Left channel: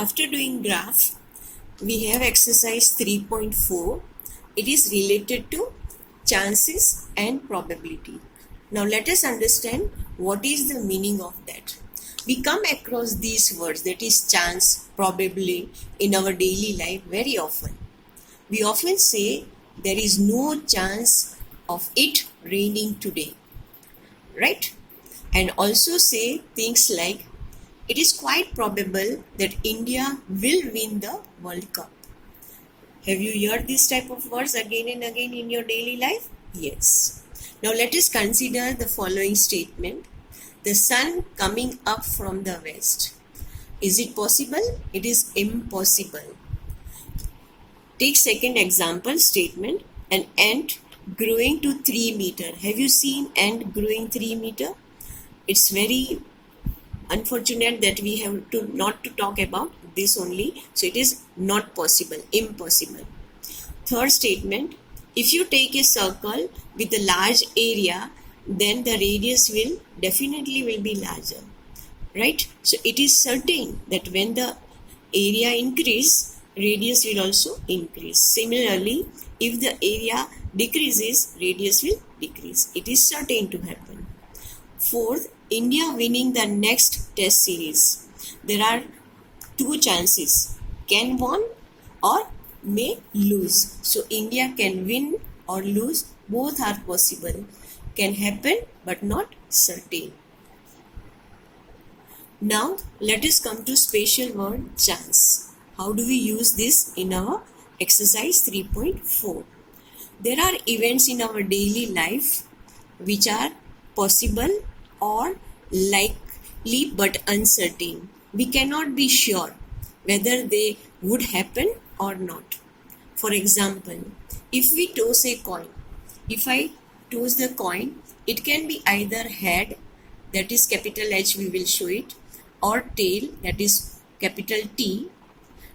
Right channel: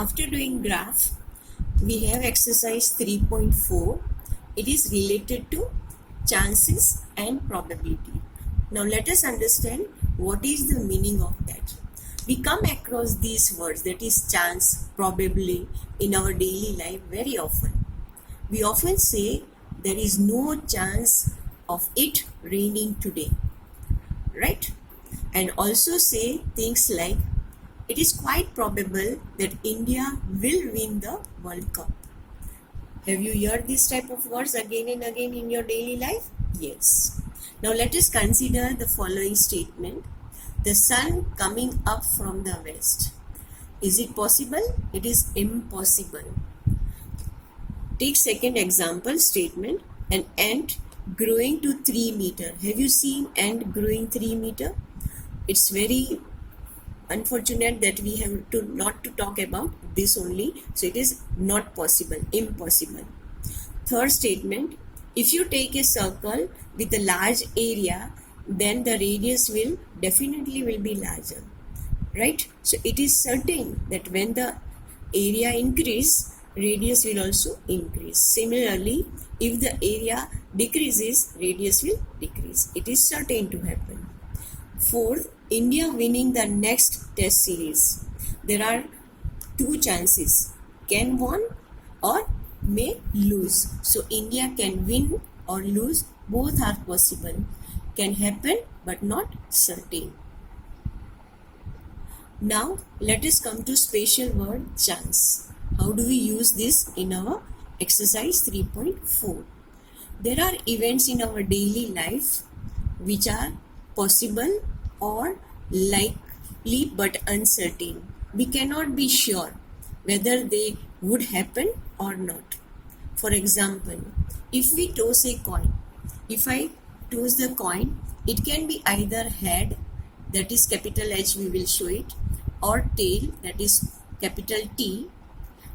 After doing graph, we have exercise 3.4. It is related to chances and probability. Now let us understand what is the meaning of that. We come across these words, that is chance, probably, in our daily life very often. We often say there is no chance of it raining today, right? And also say things like it is quite probable that India will win the World Cup. Have you heard this type of words again and again in your daily life? Yes. Now let us consider the following statement. The sun coming up from the west. Is it possible? It is impossible. Take second example statement. An ant growing to 3 meter. Have you seen ant growing 3 meter? It's very unfortunate that we have to not to talk about this only. So it is not possible, impossible. Third statement, if you take a circle with a large area, then the radius will definitely be larger, right? So it is certain that when the area increase, radius will also increase. Similarly, if the area decreases, radius will decrease. It is certain to happen. Fourth, India winning the next test series. There are two chances, can win or may lose. So India can win or lose, both are possible. Can happen but not certain. Now let us come to special word chance. How do we use this in our exercise 3.4? There are events in our daily life which are possible or likely but uncertain. We cannot be sure whether they would happen or not. For example, if we toss a coin, if I toss the coin, it can be either head, that is capital H, we will show it, or tail, that is capital T.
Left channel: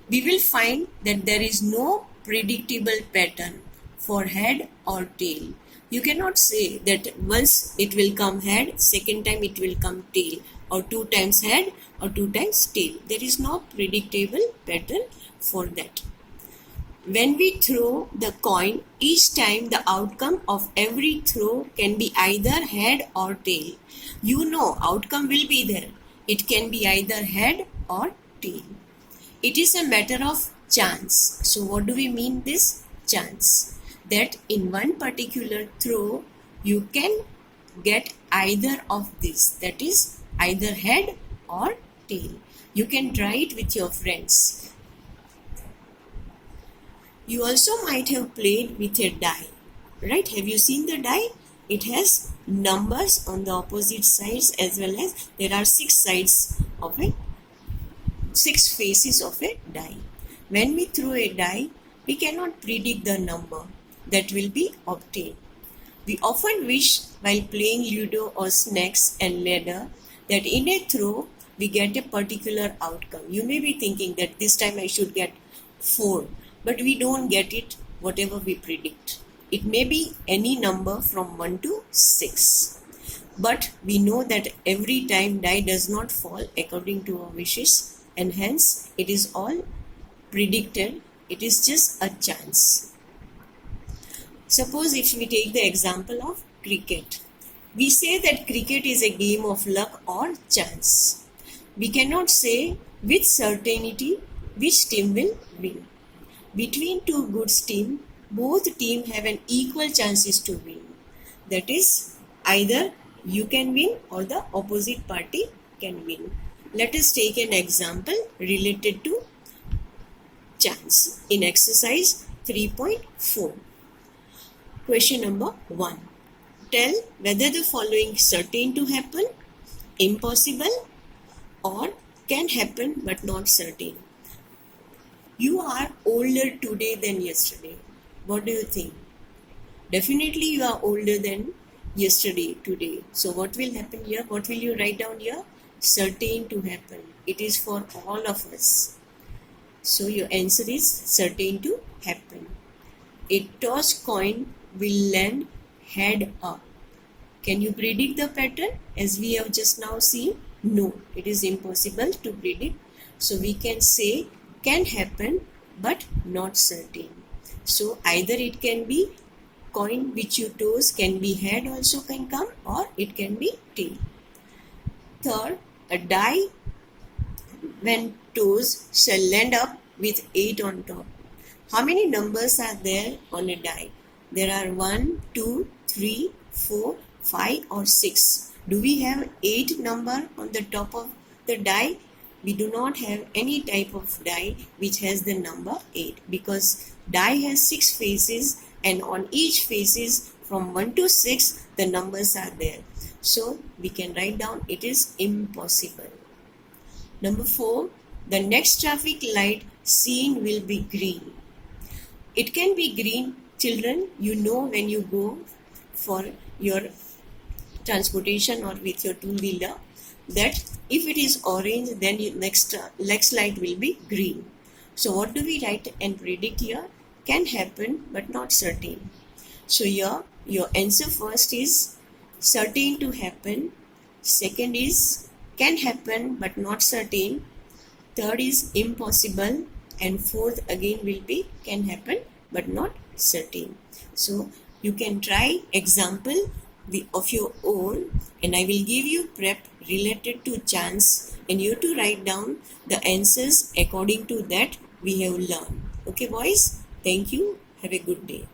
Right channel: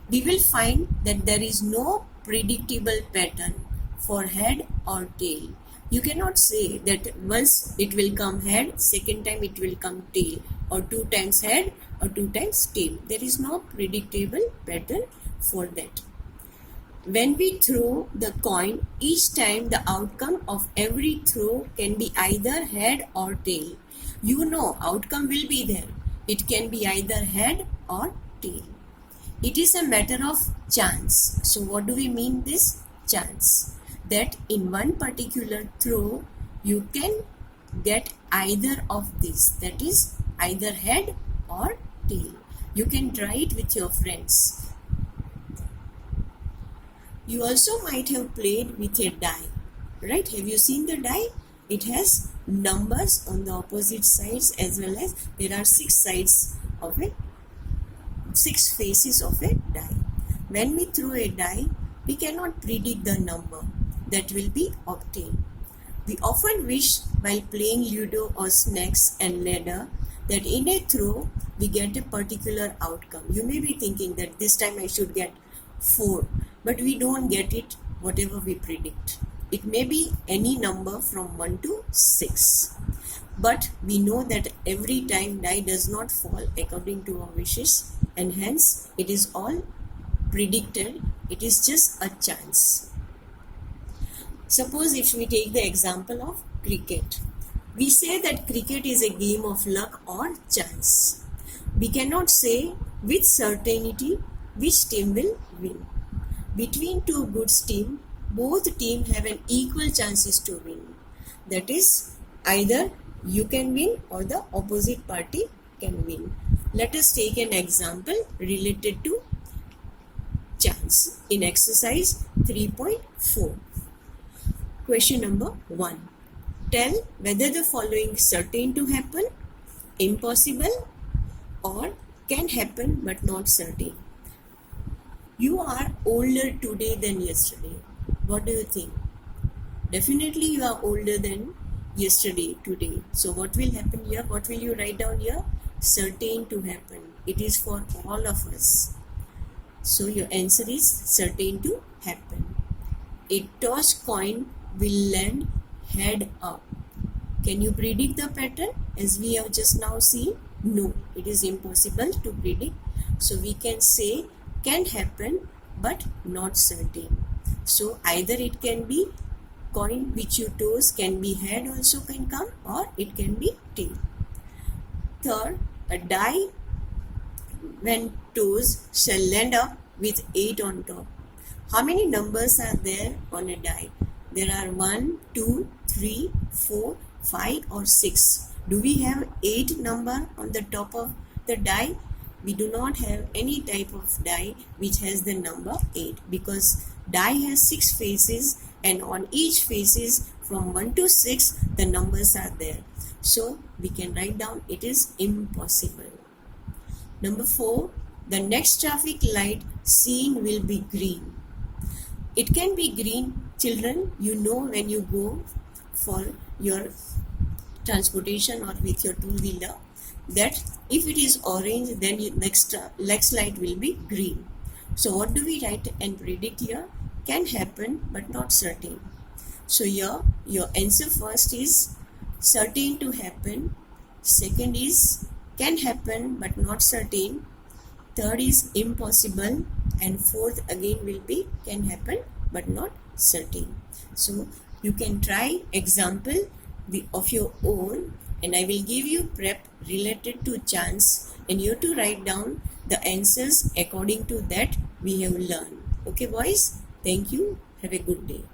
We will find that there is no predictable pattern for head or tail. You cannot say that once it will come head, second time it will come tail, or 2 times head or 2 times tail. There is no predictable pattern for that. When we throw the coin, each time the outcome of every throw can be either head or tail. You know outcome will be there. It can be either head or tail. It is a matter of chance. So what do we mean this? Chance. That in one particular throw, you can get either of this. That is either head or tail. You can try it with your friends. You also might have played with a die, right? Have you seen the die? It has numbers on the opposite sides, as well as there are 6 sides of it, 6 faces of a die. When we throw a die, we cannot predict the number that will be obtained. We often wish while playing Ludo or snakes and ladder that in a throw we get a particular outcome. You may be thinking that this time I should get 4, but we don't get it whatever we predict. It may be any number from 1 to 6. But we know that every time die does not fall according to our wishes, and hence it is all predicted. It is just a chance. Suppose if we take the example of cricket. We say that cricket is a game of luck or chance. We cannot say with certainty which team will win. Between two good teams, both teams have an equal chances to win. That is, either you can win or the opposite party can win. Let us take an example related to chance in exercise 3.4. Question number 1. Tell whether the following is certain to happen, impossible, or can happen but not certain. You are older today than yesterday. What do you think? Definitely you are older than yesterday, today. So what will happen here? What will you write down here? Certain to happen. It is for all of us. So your answer is certain to happen. A tossed coin will land head up. Can you predict the pattern as we have just now seen? No, it is impossible to predict So we can say can happen but not certain. So either it can be coin which you toss, can be head also can come, or it can be tail. Third, a die when tossed shall land up with 8 on top. How many numbers are there on a die? There are 1, 2, 3, 4, 5 or 6. Do we have 8 number on the top of the die? We do not have any type of die which has the number 8, because die has 6 faces, and on each faces from 1 to 6 the numbers are there. So we can write down it is impossible. Number 4, the next traffic light seen will be green. It can be green. Children, you know when you go for your transportation or with your two-wheeler, that if it is orange, then next light will be green. So what do we write and predict here? Can happen but not certain. So here your answer first is certain to happen. Second is can happen but not certain. Third is impossible, and fourth again will be can happen but not certain. So you can try example of your own, and I will give you prep related to chance, and you have to write down the answers according to that we have learned. Okay boys, thank you, have a good day.